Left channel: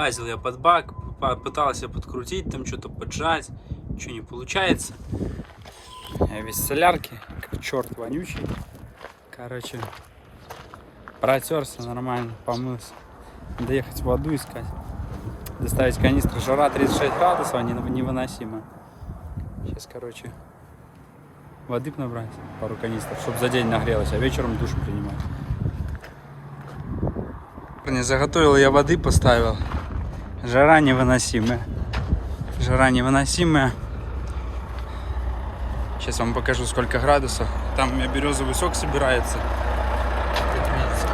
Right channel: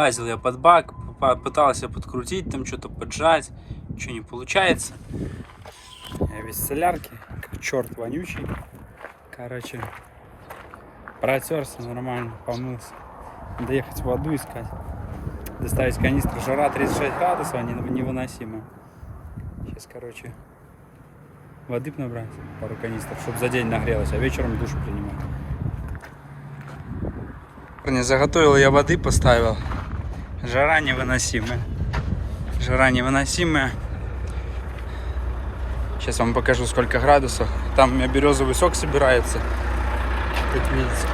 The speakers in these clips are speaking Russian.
Лазил я под бак, пытался подкрутить, там что-то поджать, ничего не получается. Я без солярки, как черт вонючий. Короче, протерся нормально, помылся. Надо ехать воду искать. Доставить канистру. Жара 36 градусов, невыносимо. Сейчас, короче, воды набрать, пару канистр, чтобы за день нагрелось, а вечером душ принимать. Не заготовил я воды, поставил. Жара невыносимая. Жара невыносимая. Сейчас вам покажу, сколько градусов. Там у меня березовый сок собирается, как видите.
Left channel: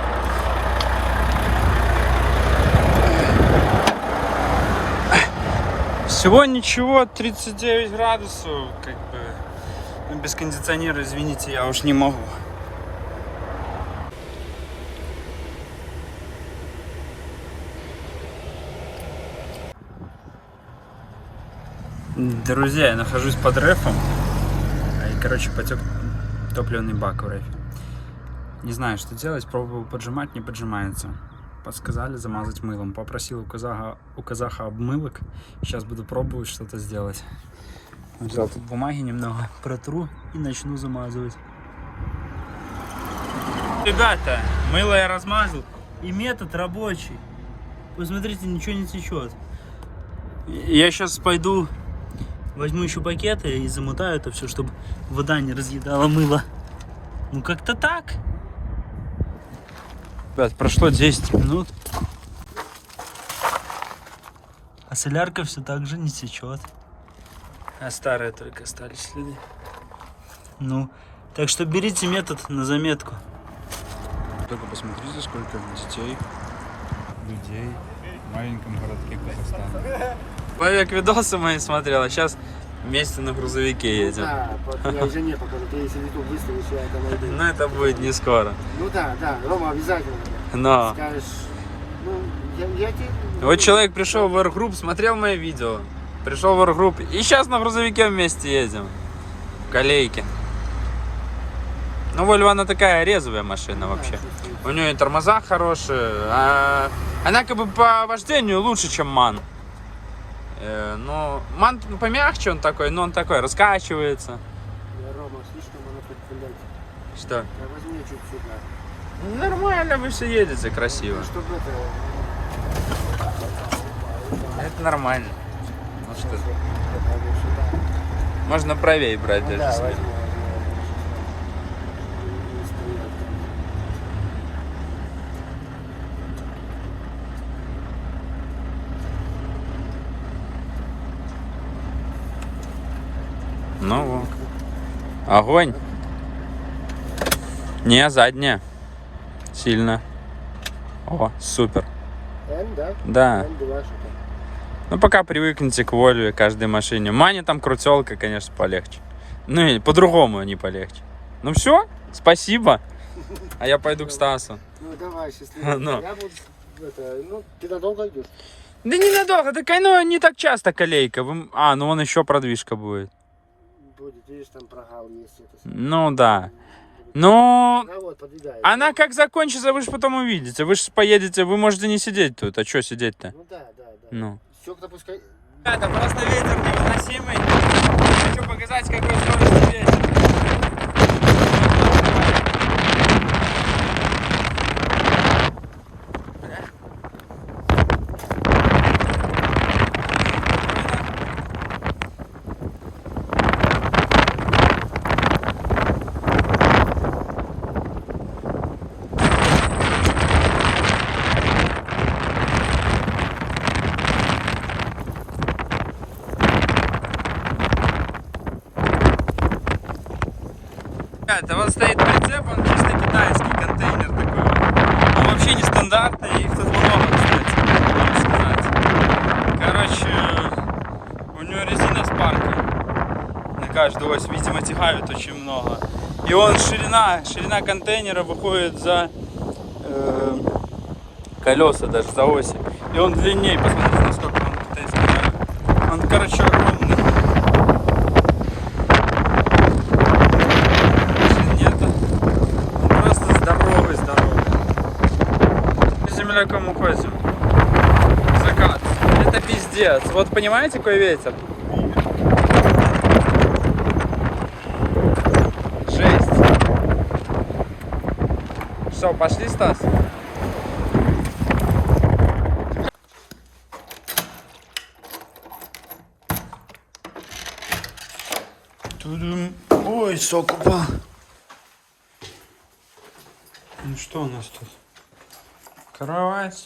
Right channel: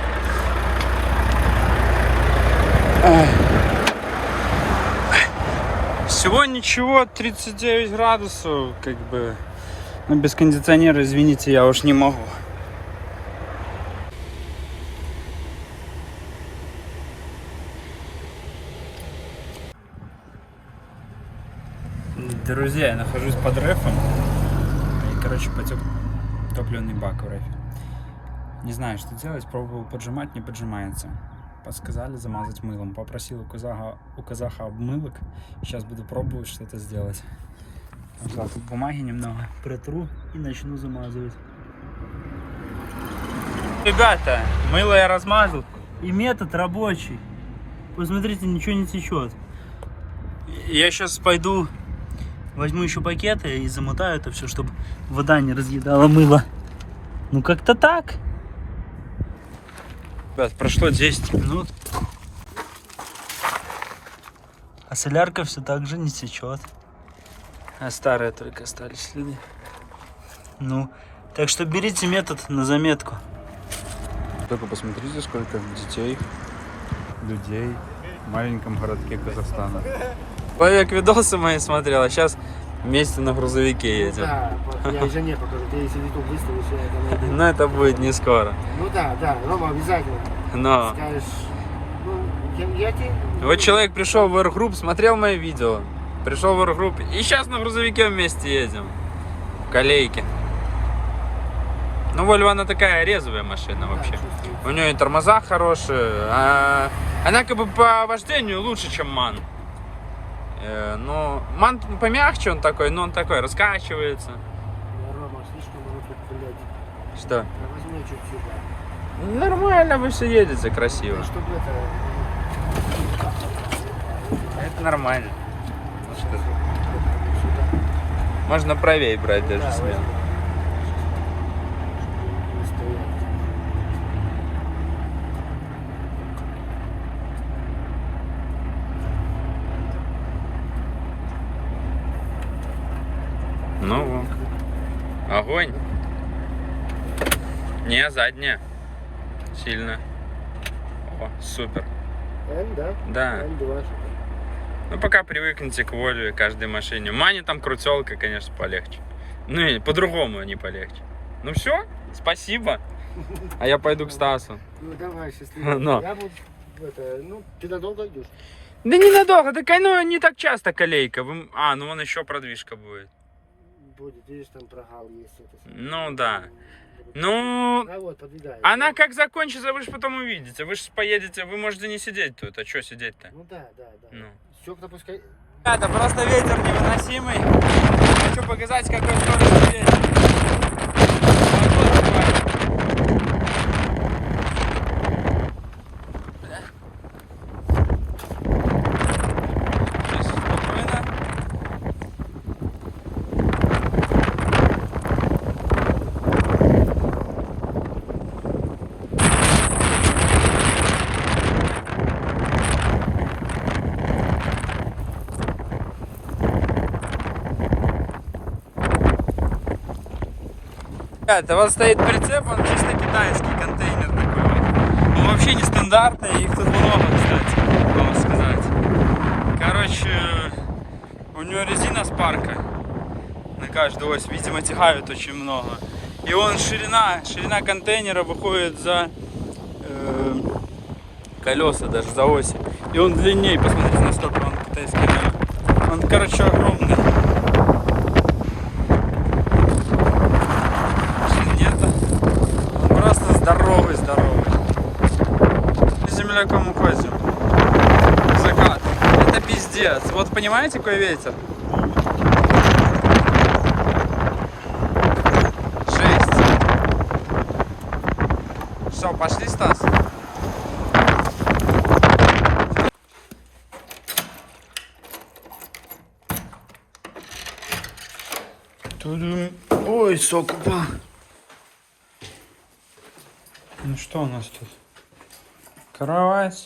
Всего ничего, 39 градусов, как бы. Но без кондиционера, извините, я уж не могу. Друзья, я нахожусь под рэфом. И, короче, потек топливный бак в рэфе. Не знаю, что делать, пробовал поджимать, не поджимается. Подсказали замазать мылом. Попросил у казаха обмылок. Сейчас буду пробовать что-то сделать. Взял тут бумаги немного, протру и начну замазывать. Ребята, мыло я размазал. И метод рабочий. Посмотрите, ничего не течет. Я сейчас пойду, возьму еще пакеты и замотаю это все, чтобы вода не разъедала мыло. Ну как-то так. Ребят, прошло 10 минут. А солярка все так же не течет. А старые только остались следы. Ну, так что берите метод на заметку. Только посмотрите, сколько детей, людей в маленьком городке Казахстана. Человек видосы мои смотрел, а сейчас вместе на грузовике едем. Да, я уже не покажу, ты если YouTube выставишь, я это найду. Но это будет не скоро. Ну да, Рома, обязательно. Но. Скажешь, ну, я тебе... Вот человек пришел в Air смотрел мои видео. Пришел в Air и сейчас на грузовике вместе едем. В колейке. Ну, Volvo, она такая резвая машина вообще. У нее и тормоза хорошие. Она как бы по вождению лучше, чем MAN. Ну, MAN помягче он такой, но он такой раскачивается. Рома, слишком оно тут, блядь. Что? Возьми чуть-чуть. Нормально, вы все едете красиво. Чтобы Это нормально. Ну что? Можно правее брать даже себе. Ну вот. Огонь. Не, задняя. Сильно. О, супер. М, да? Да. М2 что-то. Ну пока привыкнете к Volvo, каждой машине. Мане там крутелка, конечно, полегче. Ну и по-другому не полегче. Ну все, спасибо. А я пойду к Стасу. Ну давай, счастливо. Но. Я буду, ну, ты надолго идешь? Да ненадолго, так оно не так часто колейка. Ну вон еще продвижка будет. Будет, видишь, там прогал есть. Это... Ну да. Ну, вот, подъедает. она как закончится, вы же потом увидите. Вы же поедете, вы можете не сидеть тут. А что сидеть-то? Ну да. Ну. Стёкла пускай... Это просто ветер невыносимый. Хочу показать, какой скоростный ветер. Это вот стоит прицеп, он чисто китайский контейнер такой. Он вообще не стандартный, их тут много, кстати, сказать. Короче, у него резина спарка на каждую ось, видимо, тягают очень много. И он ширина контейнера выходит за колеса, даже за оси. И он длиннее, посмотрите, насколько он китайский. Он, короче, огромный. Здоровый. Земляком уходим. Закат. молодец. Вот понимаете, какой ветер? Жесть. Все, пошли, Стас? Ой, сок упал. Ну что у нас тут? Кровать,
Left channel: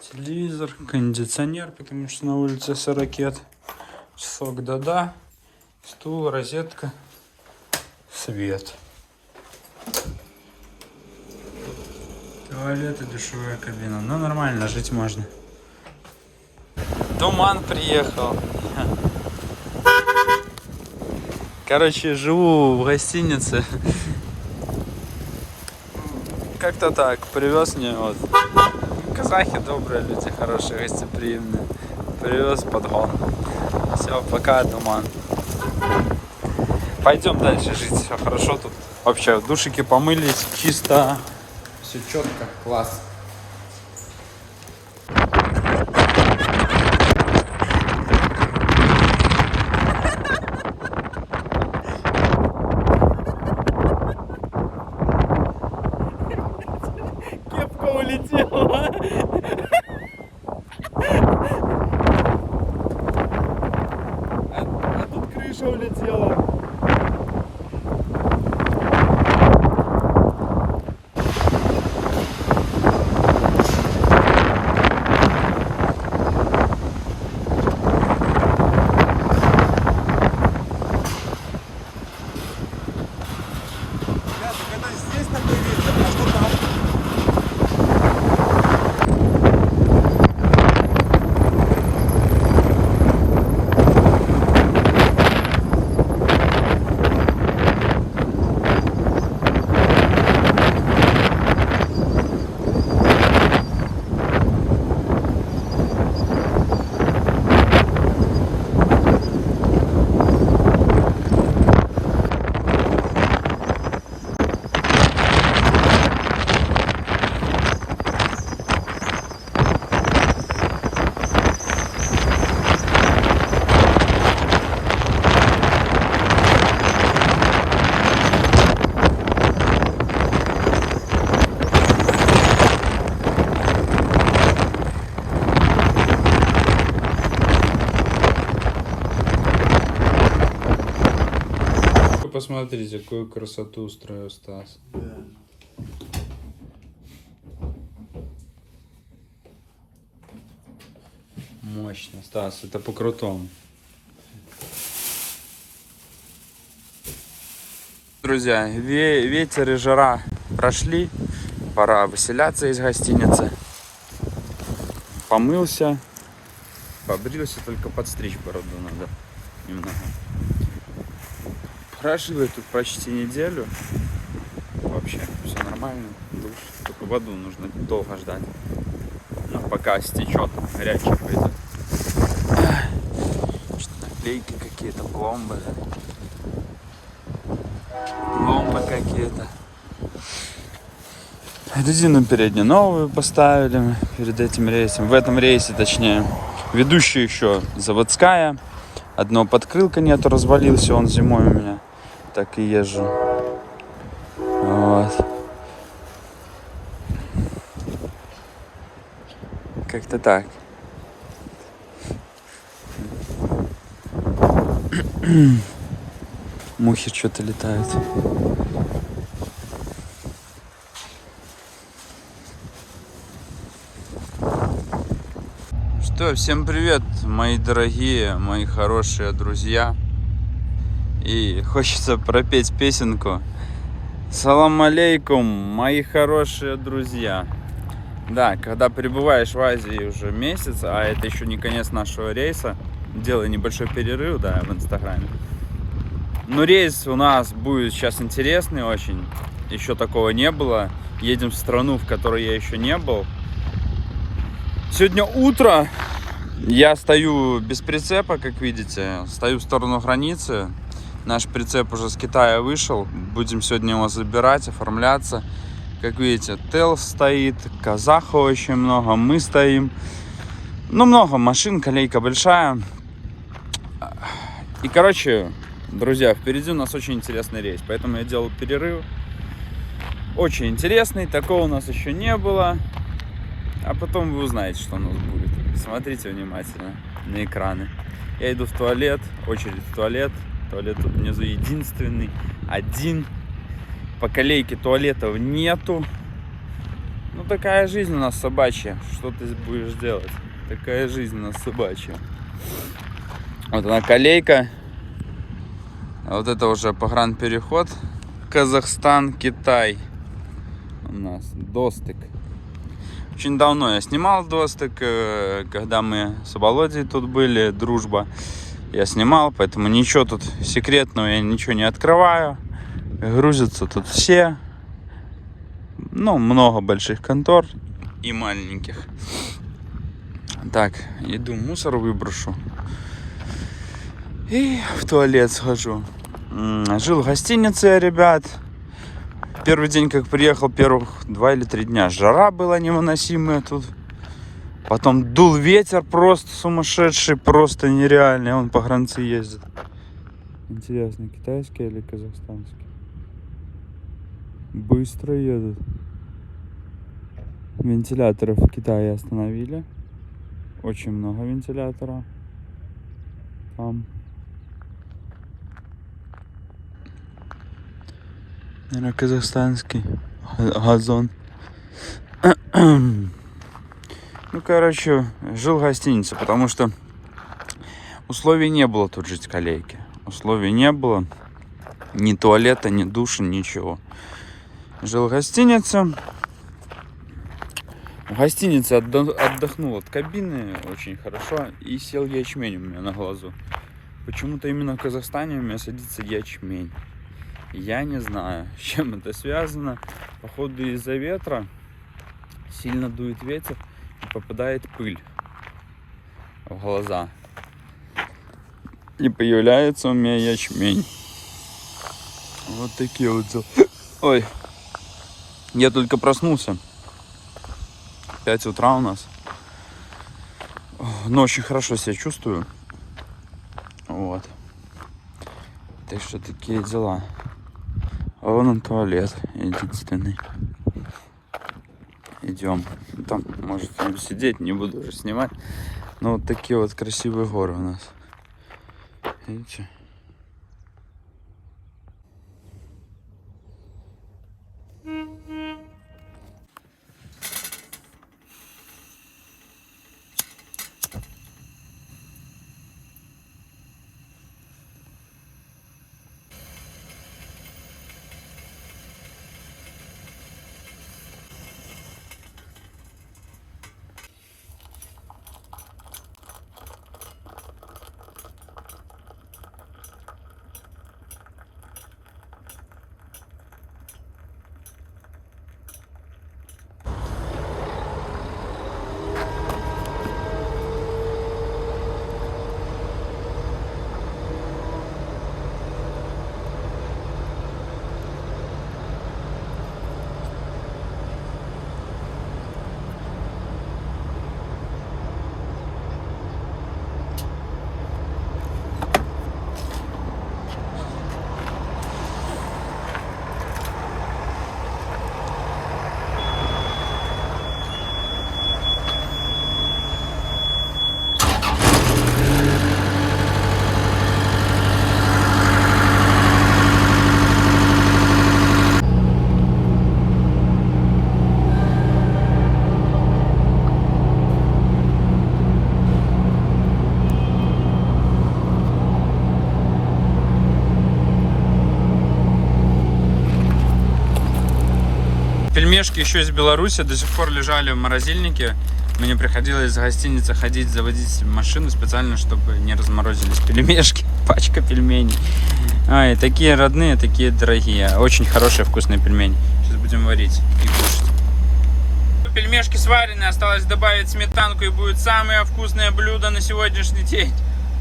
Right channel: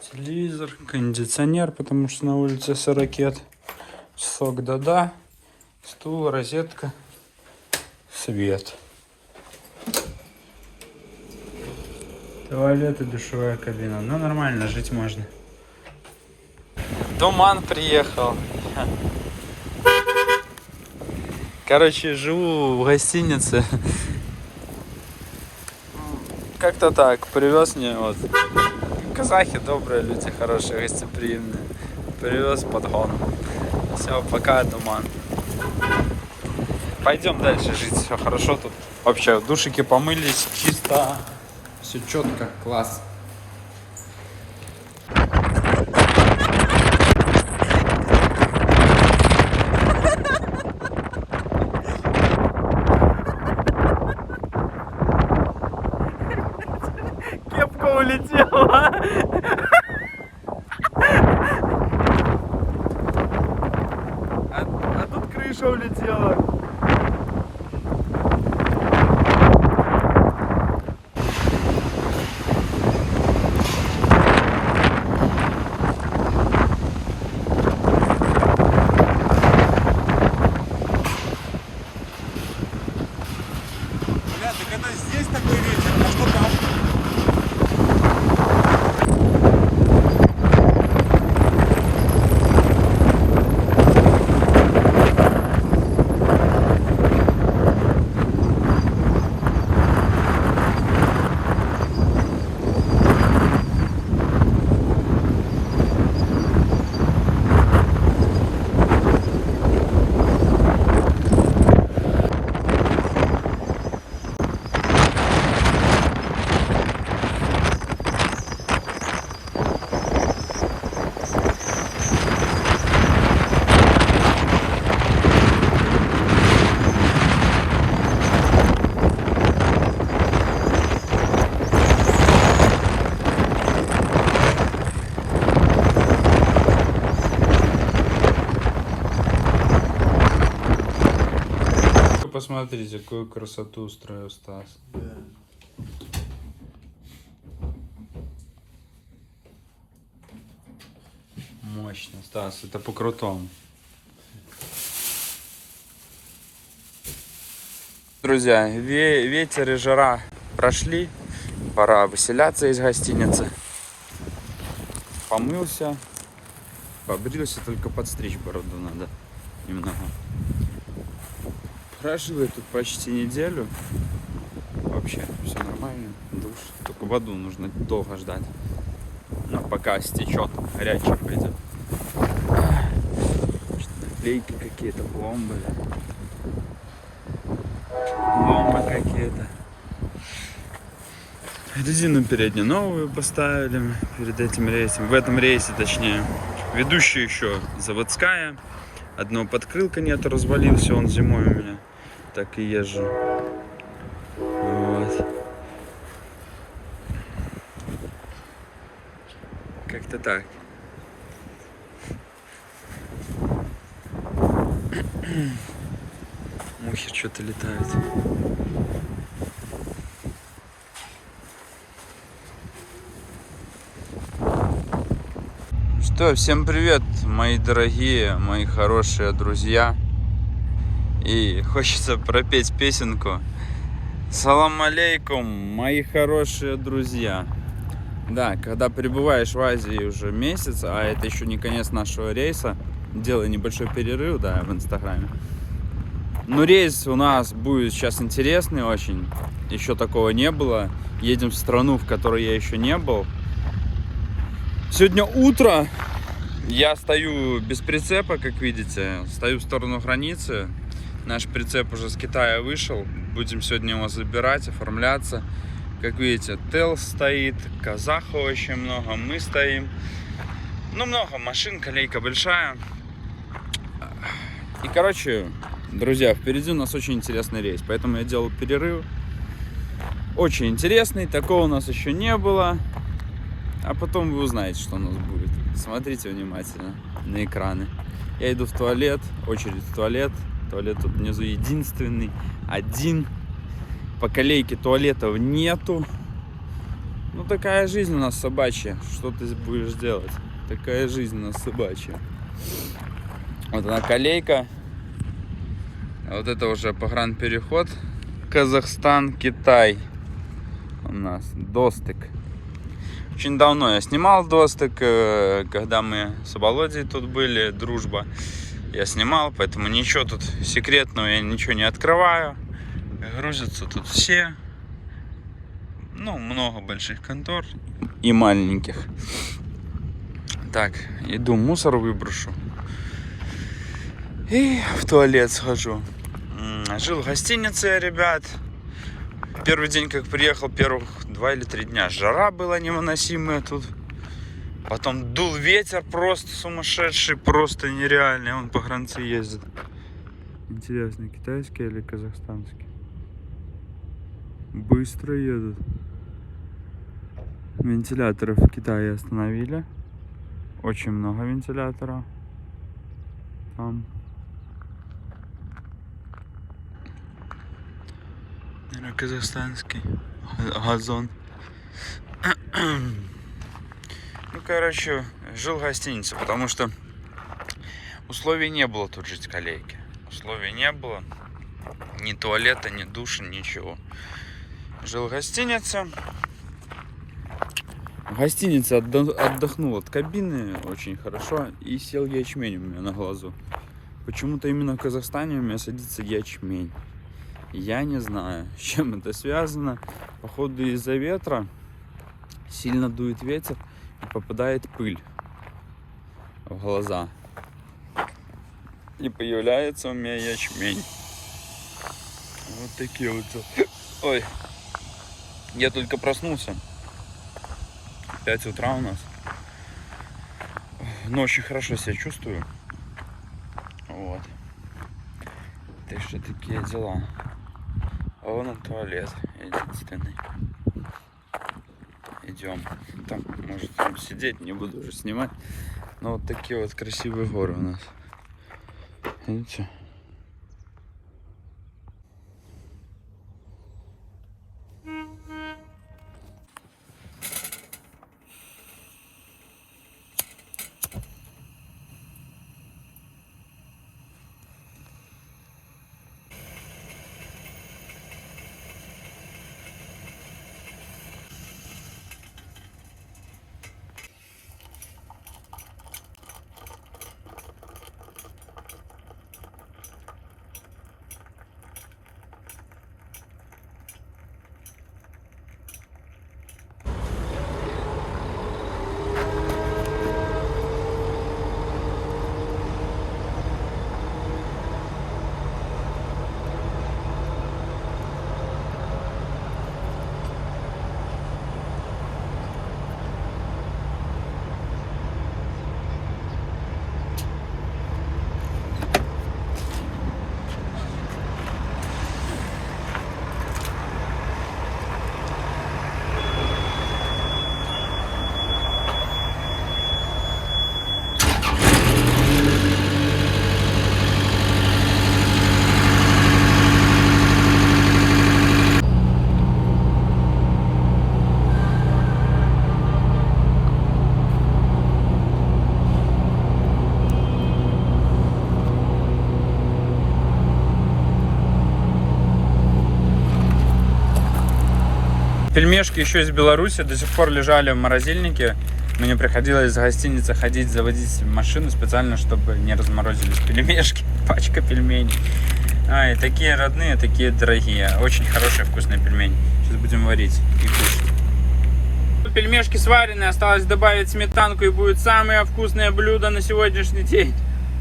телевизор, кондиционер, потому что на улице 40, часок да-да, стул, розетка, свет. Туалет и душевая кабина. Ну нормально, жить можно. Туман приехал. Короче, живу в гостинице. Как-то так, привез мне вот. Казахи добрые люди, хорошие, гостеприимные. Привез подгон. Все, пока, туман. Пойдем дальше жить, все хорошо тут. Вообще, в душике помылись, чисто, все четко, класс. Кепка улетела. А тут крыша улетела. Здесь такой ветер, а что там? Посмотрите, какую красоту устроил Стас. Да. Мощно, Стас, это по-крутому. Друзья, ветер и жара прошли. Пора выселяться из гостиницы. Помылся, побрился, только подстричь бороду надо немного. Прожил я тут почти неделю. Вообще все нормально. Душ. Только воду нужно долго ждать. Но пока стечет, горячая пойдет. Наклейки какие-то, пломбы. Пломбы какие-то. Резину переднюю новую поставили мы перед этим рейсом. В этом рейсе, точнее. Ведущая еще заводская. Одно подкрылка нету, развалился он зимой у меня. Так и езжу. Вот. Как-то так. Мухи что-то летают. Что, всем привет, мои дорогие, мои хорошие друзья. И хочется пропеть песенку. Салам алейкум, мои хорошие друзья. Да, когда пребываешь в Азии уже месяц, а это еще не конец нашего рейса, делаю небольшой перерыв, да, в Инстаграме. Но рейс у нас будет сейчас интересный очень, еще такого не было. Едем в страну, в которой я еще не был. Сегодня утро, я стою без прицепа, как видите, стою в сторону границы. Наш прицеп уже с Китая вышел, будем сегодня его забирать, оформляться. Как видите, ТЭЛ стоит, казахов очень много, мы стоим. Ну, много машин, колейка большая. И, короче, друзья, впереди у нас очень интересный рейс, поэтому я делал перерыв. Очень интересный, такого у нас еще не было. А потом вы узнаете, что у нас будет. Смотрите внимательно на экраны. Я иду в туалет, очередь в туалет. Туалет тут внизу единственный, один. По колейке туалетов нету. Ну, такая жизнь у нас собачья. Что ты будешь делать? Такая жизнь у нас собачья. Вот она колейка. Вот это уже погранпереход. Казахстан, Китай. У нас достык. Очень давно я снимал достык, когда мы с Володей тут были, дружба. Я снимал, поэтому ничего тут секретного, я ничего не открываю. Грузятся тут все. Ну, много больших контор и маленьких. Так, иду мусор выброшу. И в туалет схожу. Жил в гостинице, ребят. Первый день, как приехал, первых 2 или 3 дня жара была невыносимая тут. Потом дул ветер просто сумасшедший, просто нереальный. Он по границе ездит. Интересно, китайский или казахстанский? Быстро едут. Вентиляторов в Китае остановили. Очень много вентиляторов. Там. Наверное, казахстанский газон. Ну, короче, жил в гостинице, потому что условий не было тут жить в колейке. Условий не было. Ни туалета, ни душа, ничего. Жил в гостинице. В гостинице отдохнул от кабины очень хорошо. И сел ячмень у меня на глазу. Почему-то именно в Казахстане у меня садится ячмень. Я не знаю, с чем это связано. Походу из-за ветра сильно дует ветер и попадает пыль в глаза. И появляется у меня ячмень. Вот такие вот. Ой, я только проснулся. 5 утра у нас. Но очень хорошо себя чувствую. Вот. Так что такие дела. А вон он туалет единственный. Идем. Там может сидеть, не буду уже снимать. Ну вот такие вот красивые горы у нас. Видите? Пельмешки еще из Беларуси до сих пор лежали в морозильнике. Мне приходилось из гостиницы ходить, заводить машину специально, чтобы не разморозились пельмешки. Пачка пельменей. Ай, такие родные, такие дорогие. Очень хорошие вкусные пельмени. Сейчас будем варить и кушать. Пельмешки сварены, осталось добавить сметанку, и будет самое вкусное блюдо на сегодняшний день.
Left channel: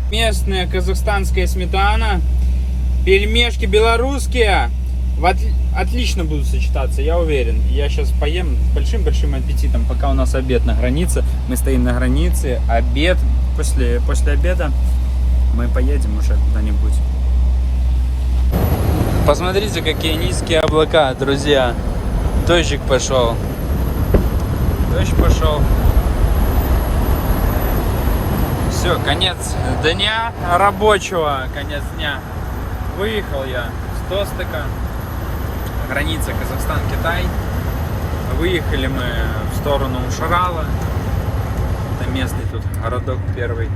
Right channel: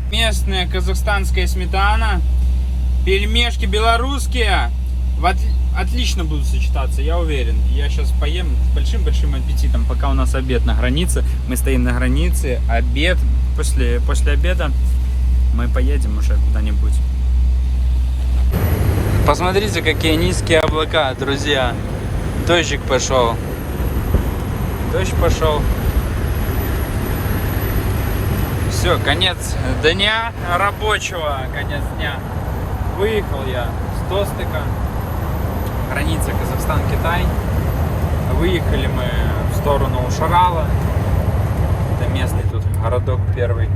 Местная казахстанская сметана. Пельмешки белорусские. Отлично будут сочетаться, я уверен. Я сейчас поем с большим-большим аппетитом, пока у нас обед на границе. Мы стоим на границе, обед. После обеда мы поедем уже куда-нибудь. Посмотрите, какие низкие облака, друзья. Дождик пошел. Дождь пошел. Все, конец дня рабочего, конец дня. Выехал я с Достыка, граница Казахстан-Китай. Выехали мы в сторону Ушарала. Это местный тут городок первый.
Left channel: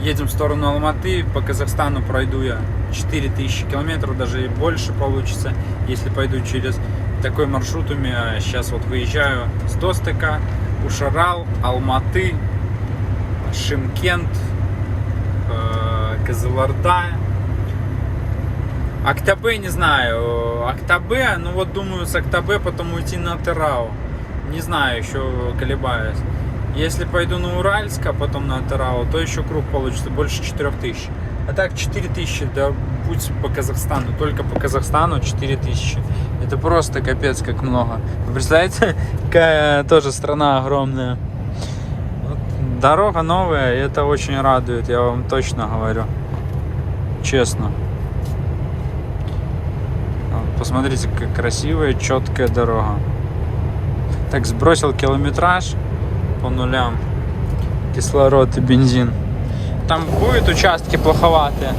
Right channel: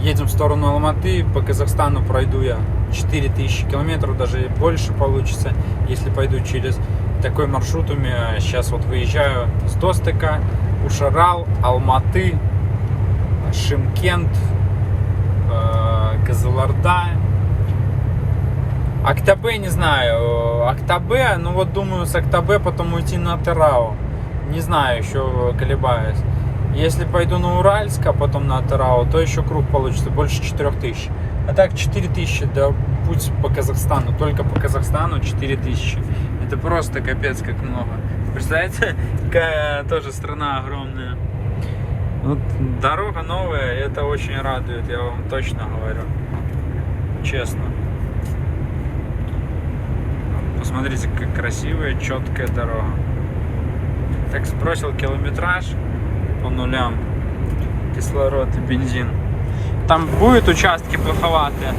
Едем в сторону Алматы. По Казахстану пройду я 4000 километров, даже и больше получится, если пойду через такой маршрут. У меня сейчас вот выезжаю с Достыка, Ушарал, Алматы, Шымкент, Кызылорда, Актабе, не знаю. Актабе, ну вот думаю с Актабе потом уйти на Атырау. Не знаю, еще колебаюсь. Если пойду на Уральск, а потом на Атырау, то еще круг получится больше 4000. А так 4000, да путь по Казахстану, только по Казахстану 4000. Это просто капец как много. Представляете, какая тоже страна огромная. Вот, дорога новая, и это очень радует, я вам точно говорю. Честно. Посмотрите, как красивая, четкая дорога. Так, сбросил километраж по нулям. Кислород и бензин. Там будут участки плоховатые.